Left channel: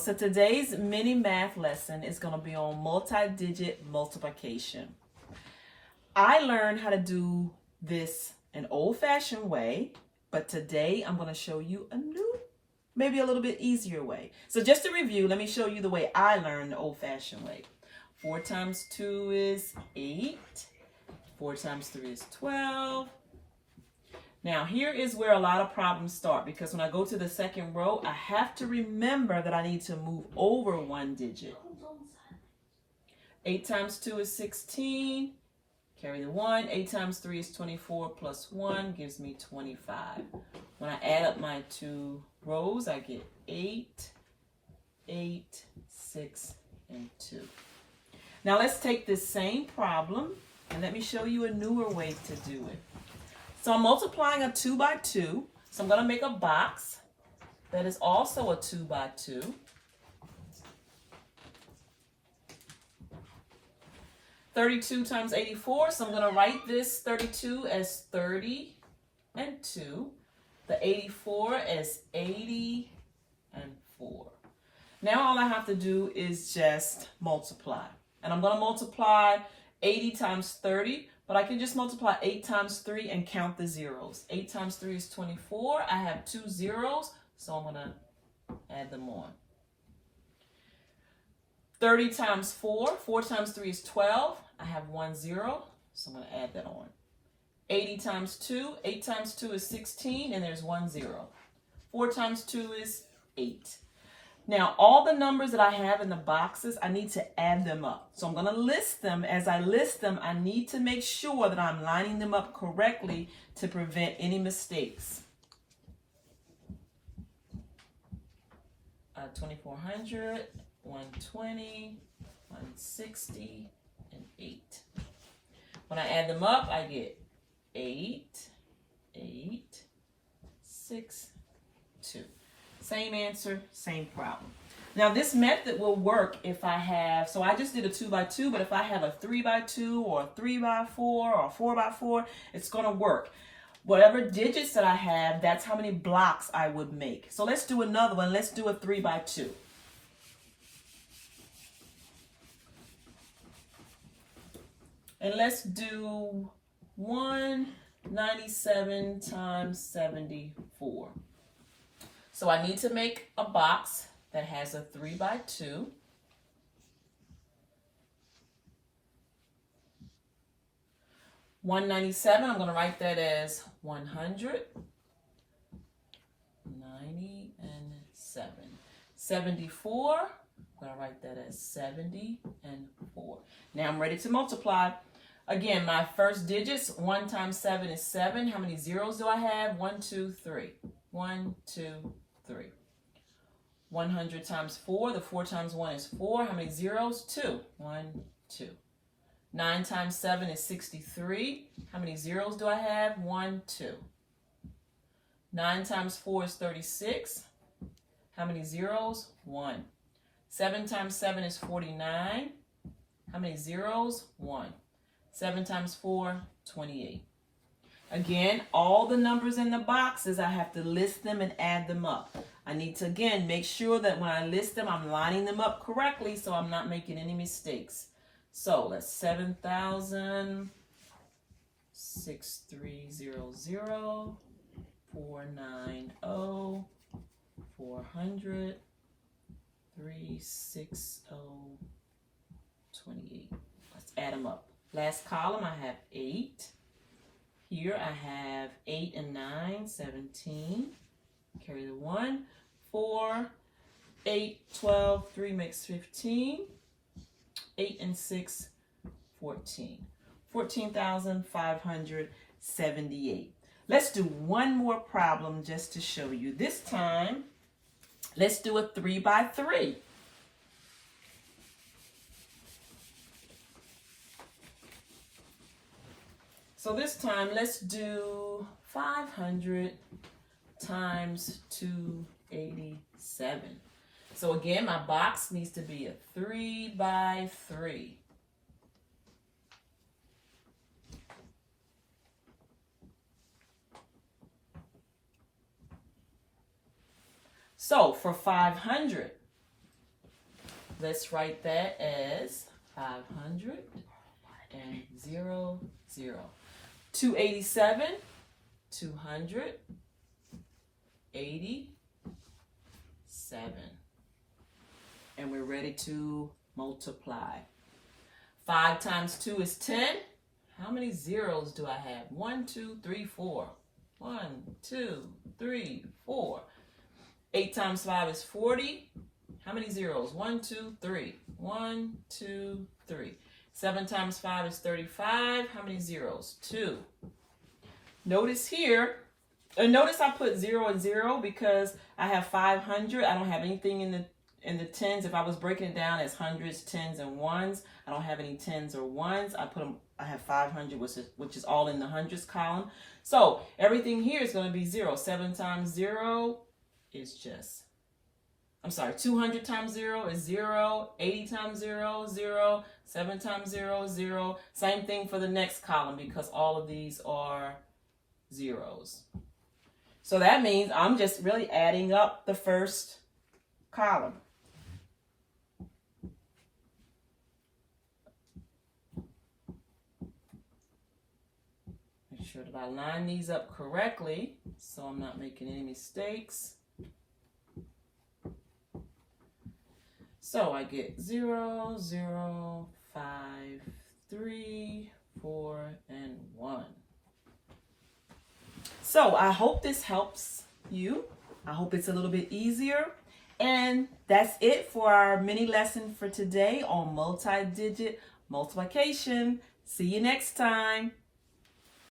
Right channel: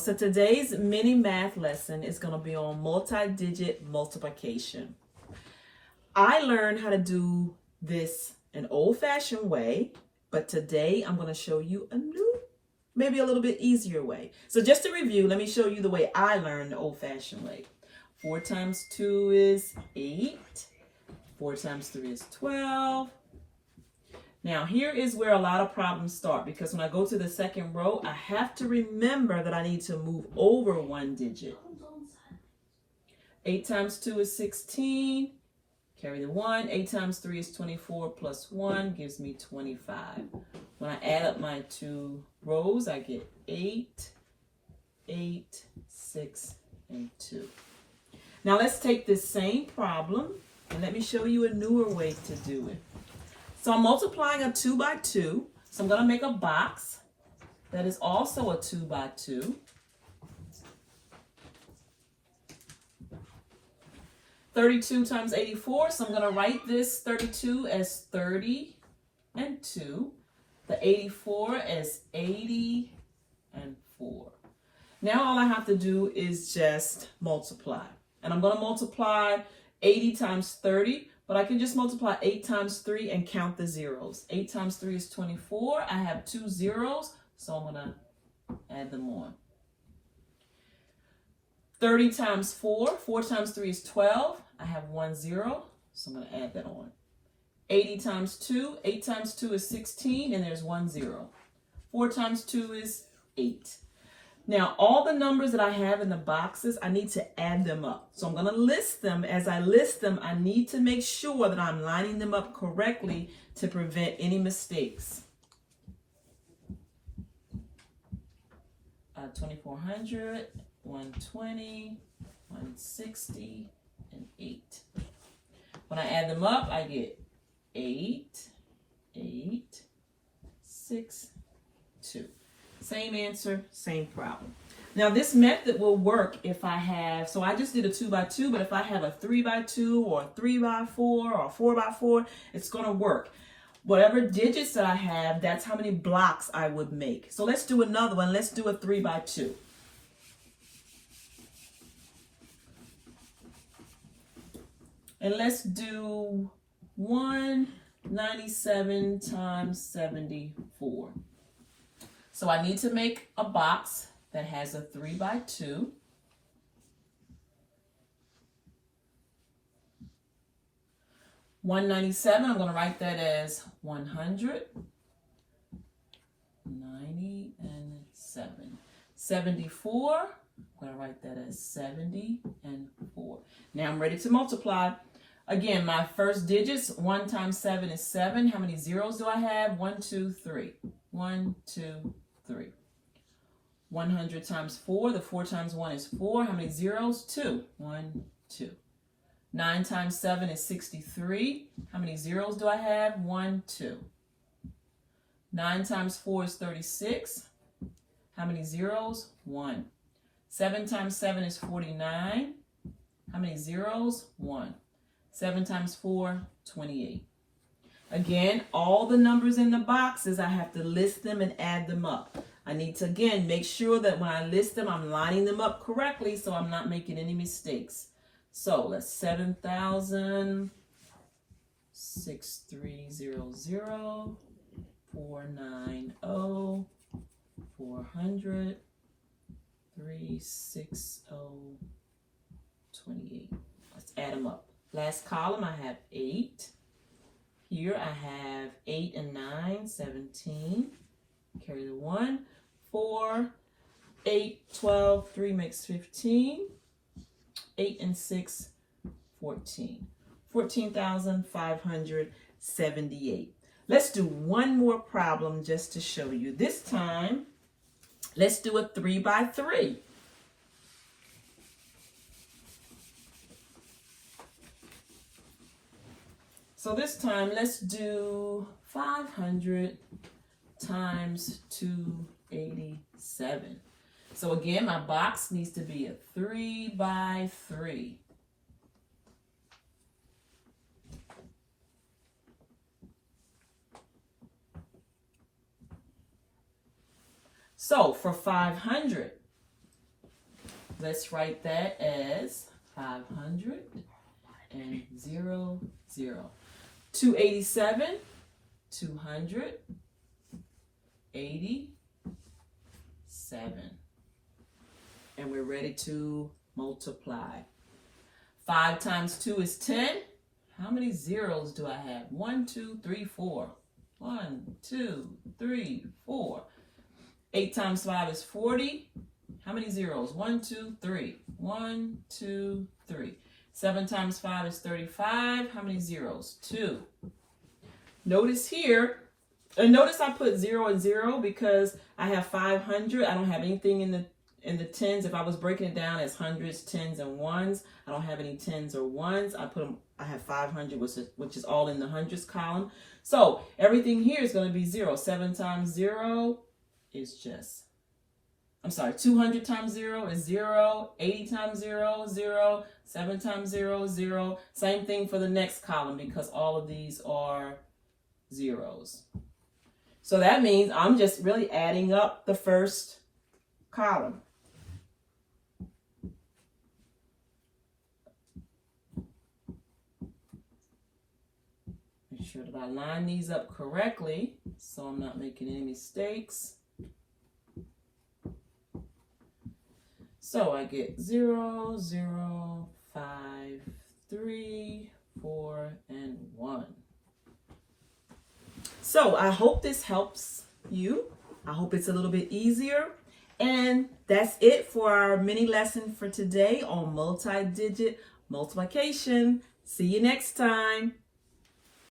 So today's mini math lesson is going to be on multi-digit multiplication. I learned how to do this an old-fashioned way, but today I'm going to show you a new, maybe a little bit easier way. So just to review, let me show you the way I learned the old-fashioned way. 4 times 2 is 8. 4 times 3 is 12. Now here is where a lot of problems start, because when I go to the second row, I have to remember that I need to move over one digit. 8 times 2 is 16. Carry the 1. 8 times 3 is 24 plus 1 gives me 25. When I add up my two rows, I get 8, 8, 6, and 2. Now let's take this same problem and let me show you a newer way to do it. So I'm multiplying a 2 by 2. So I'm going to make a box that is also a 2 by 2. 32 times 84. So I'm going to write this 32 as 30 and 2. The 84 as 80 and 4. Now all I have to do is just multiply. And I'm going to multiply 80 times 30. But I can just multiply 8 times 3 and count the zeros. 8 times 3 is 24. I have 2 zeros, so I'm going to add them on. 30 times 4. 4 times 3 is 12. I have 1 0, so I'm going to add that on. 80 times 2. 8 times 2 is 16, and there's 1 0. 4 times 2 is 8. Now, all the numbers that I have in the boxes, I need to add them up. So I'm going to list them. As I list them, I need to make sure that I'm lining them up correctly to prevent any mistakes. 2400, 120, 160, and 8. When I add them up, I get 8, 8, 6, 2. Same answer, same problem. Now this method will work if I have, so I just did a 2 by 2, but if I have a 3 by 2 or a 3 by 4 or a 4 by 4, it's going to work. Whatever digits that I have, that's how many blocks I would make. So let's do another one. Let's do a 3 by 2. And let's do 197 times 74. So I need to make a box that has a 3 by 2. $197, I'm going to write that as 100, 90, and 7. 74, I'm going to write that as 70 and 4. Now I'm ready to multiply. Again, my first digits, 1 times 7 is 7. How many zeros do I have? 1, 2, 3. 1, 2, 3. 100 times 4. The 4 times 1 is 4. How many zeros? 2. 1, 2. 9 times 7 is 63. How many zeros do I have? 1, 2. 9 times 4 is 36. How many zeros? 1. 7 times 7 is 49. How many zeros? 1. 7 times 4, 28. Again, all the numbers in the boxes, I have to list them and add them up. I need to, again, make sure that when I list them, I'm lining them up correctly so I'm not making any mistakes. So let's 7,000, 6300, 490, 400, 360, 28. Let's add them up. Last column, I have 8. Here I have 8 and 9, 17. Carry the 1. 4, 8, 12, 3 makes 15. 8 and 6, 14. 14,578. Let's do one more problem just to show you. This time, let's do a 3 by 3. So this time, let's do 500 times 287. So again, my box needs to be a 3 by 3. So for 500, let's write that as 500 and 0, 0. 287, 287. And we're ready to multiply. 5 times 2 is 10. How many zeros do I have? 1, 2, 3, 4. 1, 2, 3, 4. 8 times 5 is 40. How many zeros? 1, 2, 3. 1, 2, 3. 7 times 5 is 35. How many zeros? 2. Notice here, and notice I put 0 and 0 because I have 500. I don't have anything in the tens. If I was breaking it down as hundreds, tens, and ones, I don't have any tens or ones. I have 500, which is all in the hundreds column. So everything here is going to be 0. 7 times 0 is just, 200 times 0 is 0. 80 times 0, 0. 7 times 0, 0. Same thing for the next column because all of these are zeros. So that means I'm just really adding up the first column. Make sure that I line these up correctly so I'm not making any mistakes. So I get 0, 0, 5, 3, 4, and 1. So I hope this helps you. I hope it's a little bit easier. And that's it for our mini lesson for today on multi-digit multiplication. See you next time.